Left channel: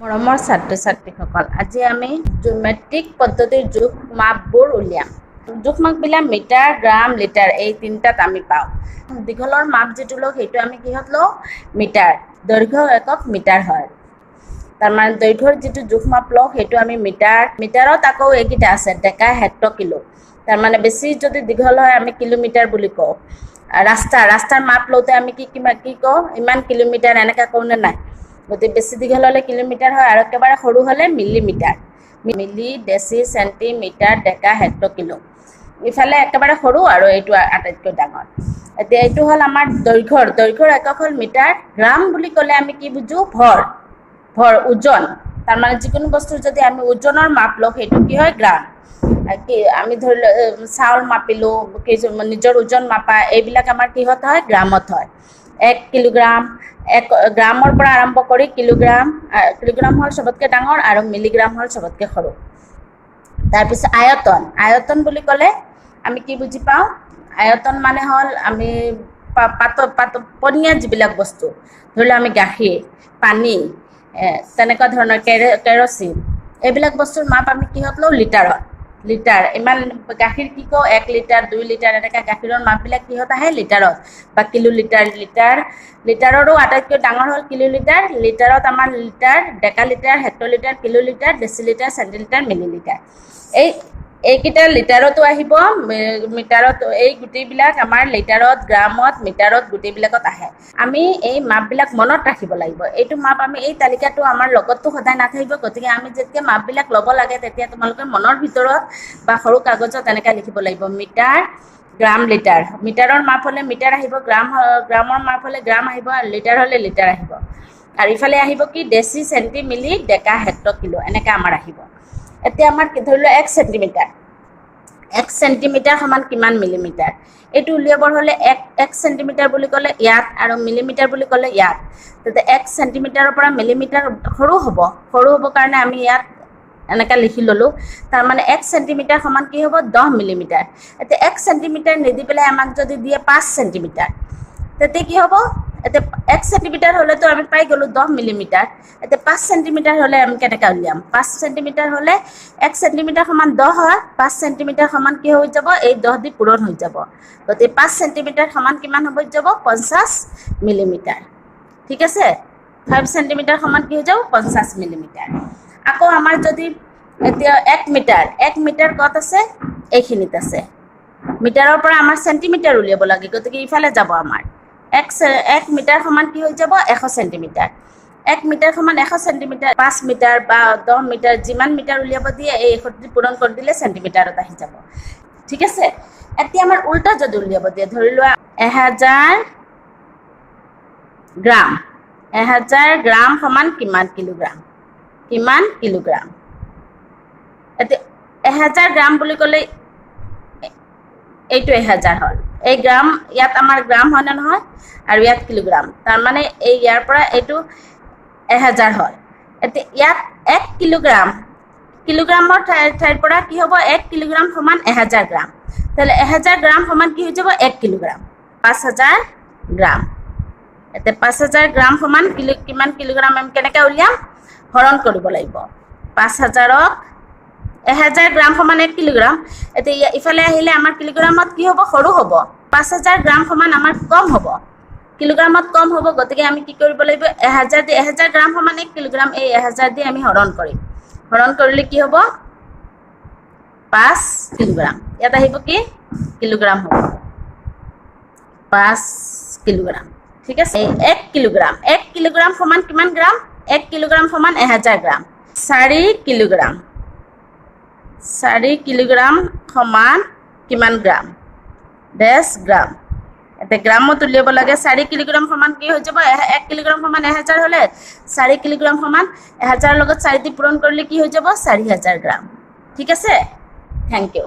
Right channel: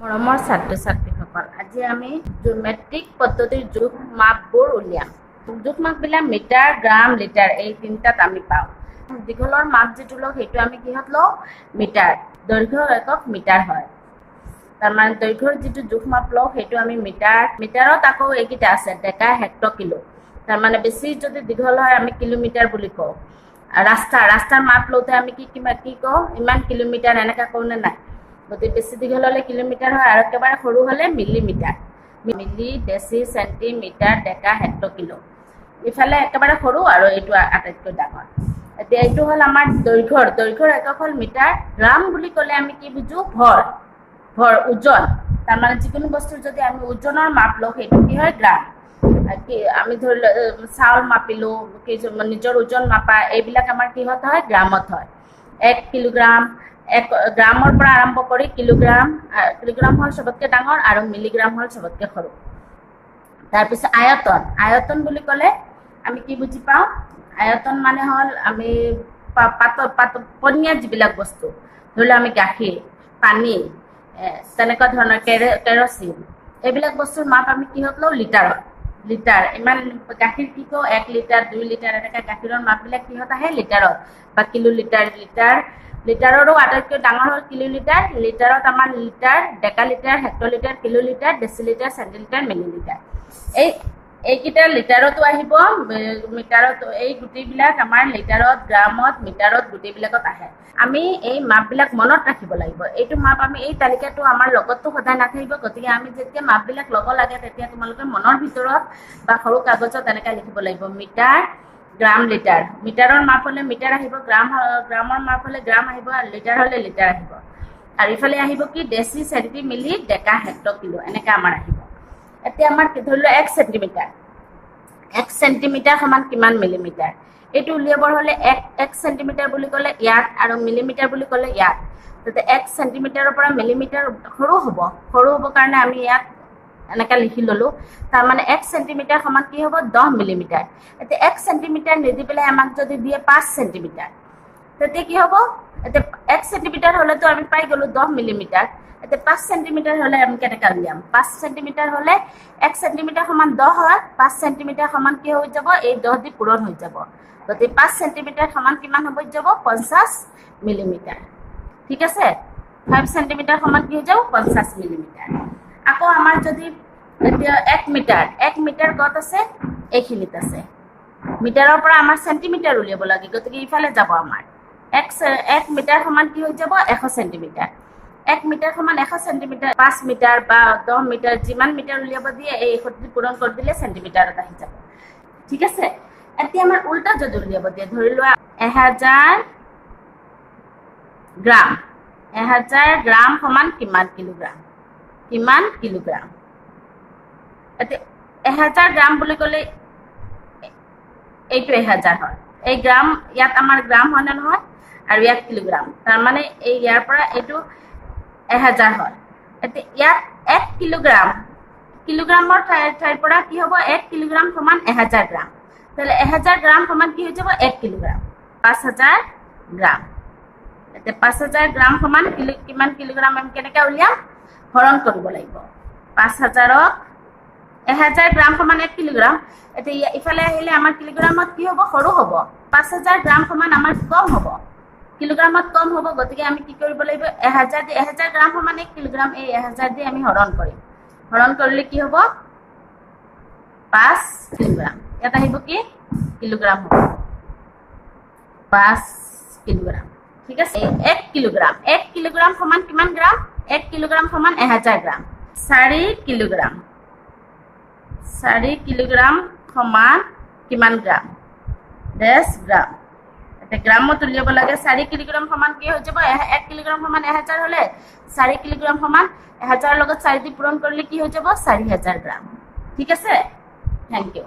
মৰমৰ ছাত্ৰ ছাত্ৰীসকল, আজি আমি মেট্ৰিক পদ্ধতিৰ জোখ মাপবোৰ উলিয়াম। জোখ মাপবিলাক মিটাৰ, গ্ৰাম, লিটাৰ এই তিনিটাত আমি পাওঁ। দীঘলৰ মাপ যিটো লওঁ সেইটো আমি কিহত লওঁ? মিটাৰ। দৈৰ্ঘ্য একক মিটাৰ হয়। তাৰমানে দৈৰ্ঘ্যৰ যিটো জোখ মাপ লওঁ সেইটো আমি মিটাৰ। মিটাৰত আকৌ এইকেইটা আছে, ডেকা, হেক্টৰ, কিলো। তাৰমানে বেছি যদি দীঘল হয় আমি কিলোমিটাৰ বুলি কওঁ। ৰাস্তাৰ মাপ লওঁতে আমি কি কওঁ? ইমান কিলোমিটাৰ এনেকৈ কওঁ নে নাই? গতিকে বেছি দীঘল হ'লে কিলোমিটাৰ হয় আৰু একেবাৰে সৰু হ'লে মিলিমিটাৰ। মিলি, ডেচি, চেণ্টিমিটাৰ, ডেকা, হেক্টৰ, কিলো। ইফালে একেবাৰে সৰু আৰু এইটো আটাইতকৈ ডাঙৰ। এতিয়া এইটো হ'ল আমাৰ দৈৰ্ঘ্যৰ একক হ'ল মিটাৰ। গ্ৰাম বুলি ক'লে আমি কি বুজোঁ? ভৰ, ওজন। তাৰমানে যিকোনো বস্তুৰ যদি আমি ওজনৰ মাপ লওঁ সেইটো কি হয়? গ্ৰাম। কি আমি ধৰি লওঁ চাউল মাপিলোঁ, নিজৰ ওজন মাপা, এইবিলাক আমাৰ কিহত হয়? গ্ৰামত হয়। 1 কিলোগ্ৰাম, গ্ৰামৰ পৰা আৰম্ভ কৰি কিলোগ্ৰাম হ'ল চবতকৈ ডাঙৰ আৰু মিলিগ্ৰাম হ'ল চবতকৈ সৰু। তাৰপিছত আয়তন বুলি ক'লে আমি কি বুজি পাওঁ? আয়তন মানে হ'ল আমি পনীয়া যিবিলাক বস্তু, ধৰি লওঁ আমি গাখীৰ, পানী, তেনেকুৱা ধৰণৰ কেৰচিন, এইবিলাক বস্তুৰ মাপ আমি কিহত লওঁ? লিটাৰ। ইমান গাখীৰ কি কওঁ? 1 লিটাৰ, 2 লিটাৰ, এনেকৈ গাখীৰৰ মাপবিলাক কিহত আহে? লিটাৰত বা কিলোলিটাৰ। লিটাৰৰো আটাইতকৈ ডাঙৰ হ'ল কিলোলিটাৰ। লিটাৰত আমাৰ litre, decalitre, hectolitre, kilolitre, decilitre, centilitre, millilitre. এইকেইটা লিটাৰতো আহিব, মিটাৰত। এই গোটেইবিলাক আমাৰ লিটাৰত, গ্ৰামত, মিটাৰত গোটেইবিলাকত আহে। আমি এই মাপবিলাক মনত ৰাখিব লাগিব। এইটো মাপ আমি এই তালিকাটো আমাৰ লগততো সদায় নাথাকিব। গতিকে আমি যেতিয়া মাপবিলাক ল'ব লাগে তেতিয়া তোমালোকে মনৰ ভিতৰত বা সৰু কাগজত এনেকৈ লিখিব লাগিব। মিটাৰ, গ্ৰাম, লিটাৰ। মিটাৰৰ মাপ হ'লে মিটাৰ আহিব, গ্ৰামৰ মাপ হ'লে গ্ৰাম আহিব, আৰু লিটাৰ হ'লে লিটাৰ আহিব। আৰু ইফালে আহিব কি? ডেচি, চেণ্টি, মিলি, ডেকা, হেক্টৰ, কিলো, এনেকৈ আমাৰ আহিব। এতিয়া আমাৰ ধৰি লোৱা 1 চেণ্টিমিটাৰ। 1 চেণ্টিমিটাৰ সমান কিমান মিলিমিটাৰ? এইটো উলিয়াবৰ হ'লে 1 চেণ্টিমিটাৰ বুলি ক'লে ইয়াত আৰু মিলিমিটাৰ বুলি ক'লে ইয়াত। তেতিয়া 1 চেণ্টিমিটাৰৰ পৰা মিলিমিটাৰ সৰু হ'ব কাৰণে আমি ইয়াত এনেকৈ লিখি ল'লোঁ। তাৰমানে 1 চেণ্টিমিটাৰ সমান কি হ'ব? 10 মিলিমিটাৰ। এতিয়া 1 চেণ্টিমিটাৰ নিদি পেলাই আমাক যদি দিয়ে 5 চেণ্টিমিটাৰ, তেতিয়া কি হ'ব? এতিয়া 1 চেণ্টিমিটাৰ হ'লেতো আমি পাই গ'লোঁ 10 মিলিমিটাৰ। এতিয়া 5 চেণ্টিমিটাৰ হ'লে আমি কেনেকৈ উলিয়াম? 5 চেণ্টিমিটাৰ হ'লে 1 চেণ্টিমিটাৰ সমান 10 হয়, 5 চেণ্টিমিটাৰ সমান কি হৈ যাব? এই 10 দি পূৰণ হৈ যাব। গতিকে 5 চেণ্টিমিটাৰ সমান কিমান হৈ যাব? 50 মিলিমিটাৰ। ঠিক আছে? 5 চেণ্টিমিটাৰ সমান কি হৈ যাব? 50 মিলিমিটাৰ। আকৌ আমাৰ যদি এতিয়া 1 মিটাৰ ক'ত আছে? এইখিনিত আছে। মিটাৰৰ পৰা আমাৰ চেণ্টিমিটাৰ উলিয়াব লাগে, গতিকে ইফালে যাব আমাৰ। 1 মিটাৰ সমান কি হৈ যাব? 100 চেণ্টিমিটাৰ। 1 মিটাৰ সমান 100 চেণ্টিমিটাৰ। 5 মিটাৰ বা 10 মিটাৰ যিমান মিটাৰ উলিয়াব দিয়ে এই 100 পূৰণ কৰি দিলে চেণ্টিমিটাৰত আহি যাব। ঠিক আছে? এতিয়া আমাৰ উল্টা যদি উলিয়াব দিয়ে, ধৰি লোৱা 1000 গ্ৰাম। 1000 গ্ৰাম সমান কিমান কিলোগ্ৰাম? এতিয়া 1000 গ্ৰাম বুলি ক'লে এইটো 1000 হ'ল। এই গ্ৰাম, ইয়াত আমাৰ গ্ৰাম হয় নে নহয়? আৰু ইয়াত কিলোগ্ৰাম। তাৰমানে এই ইয়াৰ পৰা এইটো 1000 হ'ল। এতিয়া ইয়াত 1 কিলোগ্ৰামৰ ঠাইৰ পৰা কি হ'ব? 1 কিলোগ্ৰাম সমান 1000 গ্ৰাম। তাহলে 1000 গ্ৰাম সমান কি হৈ যাব? 1 কিলোগ্ৰাম। 5000 গ্ৰাম। এতিয়া 5000 গ্ৰাম সমান কিমান কিলোগ্ৰাম? আমি কেনেকৈ উলিয়াম? হৰণ কৰিব লাগিব। 5000ক 1000 গ্ৰাম সমান 1 কিলোগ্ৰাম। এতিয়া ইফালে আহিলে আমাৰ কিলোগ্ৰামত কি হ'ব? সৰু হ'ব। 5000 গ্ৰাম সমান আমাৰ কম হ'ব, কিলোগ্ৰামত কম হ'ব। গতিকে আমি কি কৰিব লাগিব? 1000 গ্ৰাম সমান 1 কিলোগ্ৰাম, এই 1000 দি আমি হৰণ কৰিম। হৰণ কৰিলে কি হ'ব? 5 কিলোগ্ৰাম। ইয়াত আহিব কি? কিলোগ্ৰাম হ'ব। 5 কিলোগ্ৰাম। ঠিক আছে? 1 কিলোগ্ৰাম সমান কিমান গ্ৰাম? 1 কিলোগ্ৰাম সমান 1000 গ্ৰাম। 4 কিলোগ্ৰাম। 4 কিলোগ্ৰাম সমান কিমান গ্ৰাম? 10 গ্ৰাম। এতিয়া গ্ৰামত উলিয়াব লাগে। 4 কিলোগ্ৰাম সমান কি হৈ যাব? 1 কিলোগ্ৰাম সমান 1000 হ'লে 4 কিলোগ্ৰাম সমান 1000 লগত 4 দি পূৰণ কৰিলে কি হৈ যাব? 4000 গ্ৰাম। ঠিক আছে? Thank U.